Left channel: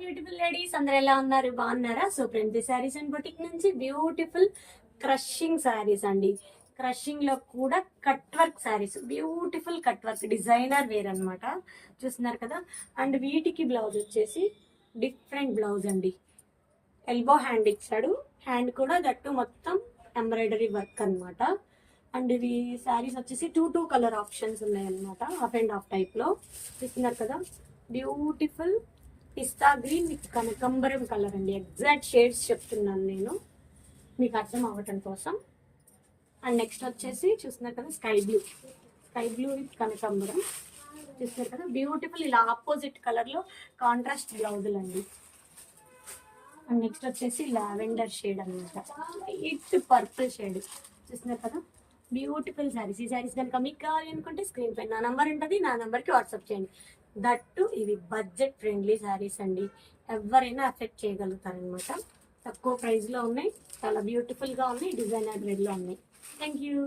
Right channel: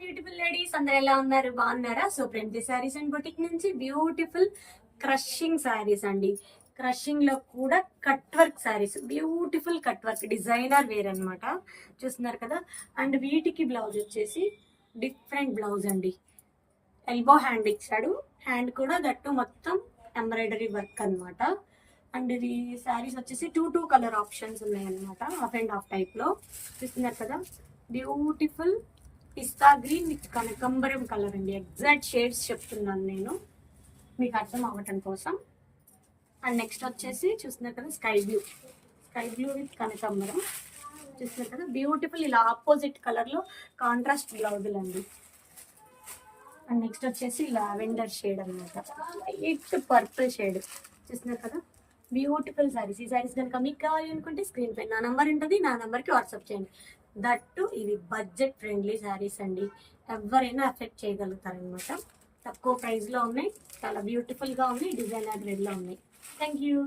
Beautiful ladies అందరు ఎలా ఉన్నారు, బాగున్నారా? సో ప్రెంటి శారీస్ అండ్ బొటిక్ నుంచి బ్యూటిఫుల్ క్రషింగ్ శారీస్ అండి. క్రషింగ్ లో కూడా cut work saris, beautiful cut work designer wear అన్నమాట. చూస్తున్నారు కదా. అండ్ వీటికి బ్లౌజ్ వచ్చేసి డిఫరెంట్ బ్లౌజ్ అండి. ఎల్బో హ్యాండ్ ఇచ్చాడు, హ్యాండ్ కూడా గట్టు మొత్తం ఎంబ్రాయిడరీ వర్క్ అన్నమాట. అండ్ ఇవి శారీస్ వచ్చేసి టూ కలర్ ఆప్షన్స్ ఉన్నాయన్నమాట, హాఫ్ అండ్ హాఫ్ టైప్ లో. చూస్తున్నారు కదా, బ్యూటిఫుల్ పిస్తా గ్రీన్ విత్ కనకంబరం కలర్ అండి. ఎగ్జాక్ట్ షేడ్స్ చెప్తున్నాను నేను మీకు అర్థం అవ్వటం కోసం. అండ్ నెక్స్ట్ వచ్చేసి చూస్తున్నారు కదా, స్కై బ్లూ విత్ కనకంబరం. చూస్తున్నారు కదా, బ్యూటిఫుల్ ఇలా ఆపోజిట్ కలర్ లో కాంట్రాస్ట్ బ్లౌజులు అండి. అండ్ నెక్స్ట్ వచ్చేసి లావెండర్ షేడ్ అనమాట, లైట్ పర్పుల్ షేడ్. చూస్తున్నారు కదా, బ్యూటిఫుల్ శారీస్. ఈ శారీస్ కనుక మీకు కావాలి అనుకుంటే స్క్రీన్ పై నా నంబర్ ఉంటుంది, నా నంబర్కి వాట్సాప్ చేయండి. దట్టు ఇవి బడ్జెట్ ఫ్రెండ్లీ శారీస్ అండి, ఎవరైనా అఫెక్ట్ చేయగలుగుతారు అనమాట. తక్కువ ప్రైస్లో ఉన్నాయి, చాలా బ్యూటిఫుల్గా ఉన్నాయి, డిజైనర్ వేర్లో ఉన్నాయి. Thank you.